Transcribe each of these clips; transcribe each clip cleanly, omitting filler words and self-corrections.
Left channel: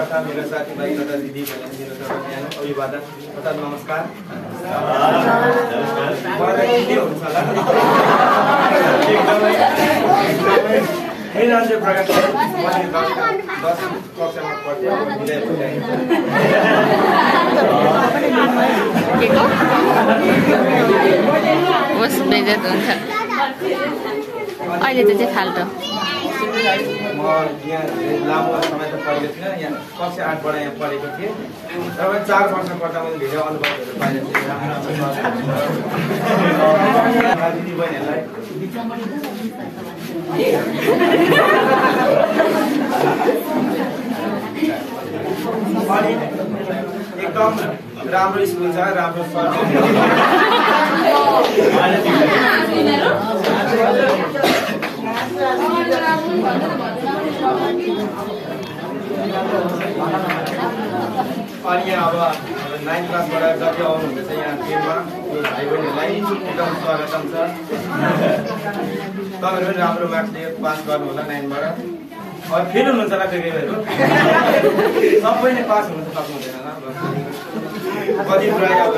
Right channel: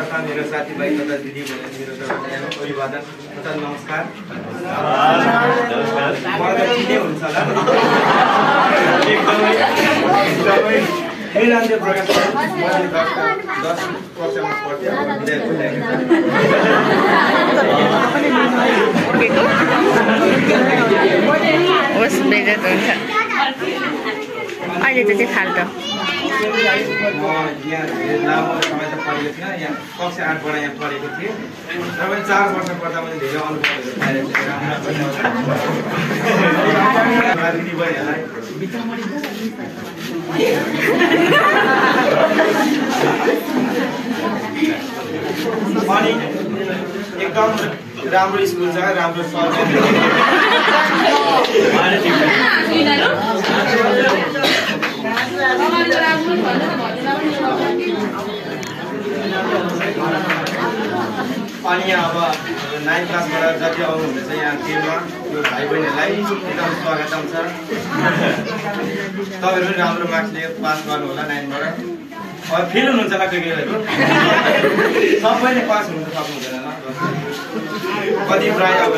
तथा मेरो साथीभाइ तथा दिदी मेरो अभिवादन तथा नमस्कार। हुन्छ होला मेरो नाम चाहिँ प्रकाश मैले 10 कक्षामा पढ्थेँ। होस् बेइज्जत हुन्छ अहिले त चाहिँ फाल्टो। म यहाँ लामो समय त पढेको थिइनँ, यहाँ कक्षा 8बाट यहाँ पढेको थिएँ। र पनि 4 वर्ष पढ्दा मैले धेरै अनुभवहरू पाएको थिएँ। दिदी बहिनीहरूलाई अनि एकदम राम्रो स्कुल छ, राम्रो सर अनि यहाँ अब 9th क्लासबाट जति आउनुहुँदैछ यहाँ टिममा यो भाइ बहिनीहरूलाई एकदम स्वागतम छ। तपाईँहरू पनि राम्रो मार्क्स लिएर पास गर्नु होला 9बाट। अब फेल हुनुहुन्छ होला कोही कोहीहरू, सबैले पास हुनु त सक्नुहुँदैन होला। कति प्राय अब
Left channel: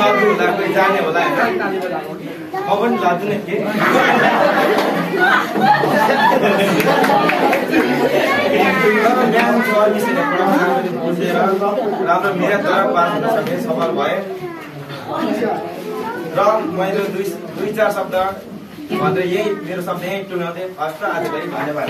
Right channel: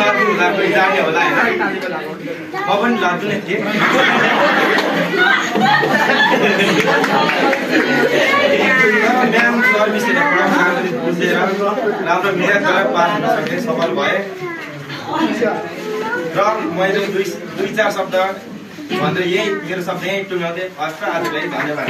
लड्नु होला, कोही जाने होला होइन। म पनि लड्नु नै थिएँ। म्याम सर मिसले पढाउनु बुझेर राम्रो मिहिनेत गरेर पास हुन सके, सफल भए। र मैले 2-4 शब्द भनेर यही मेरो शब्द यहीँ टुङ्ग्याउँदै हस्त आजलाई धन्यवाद।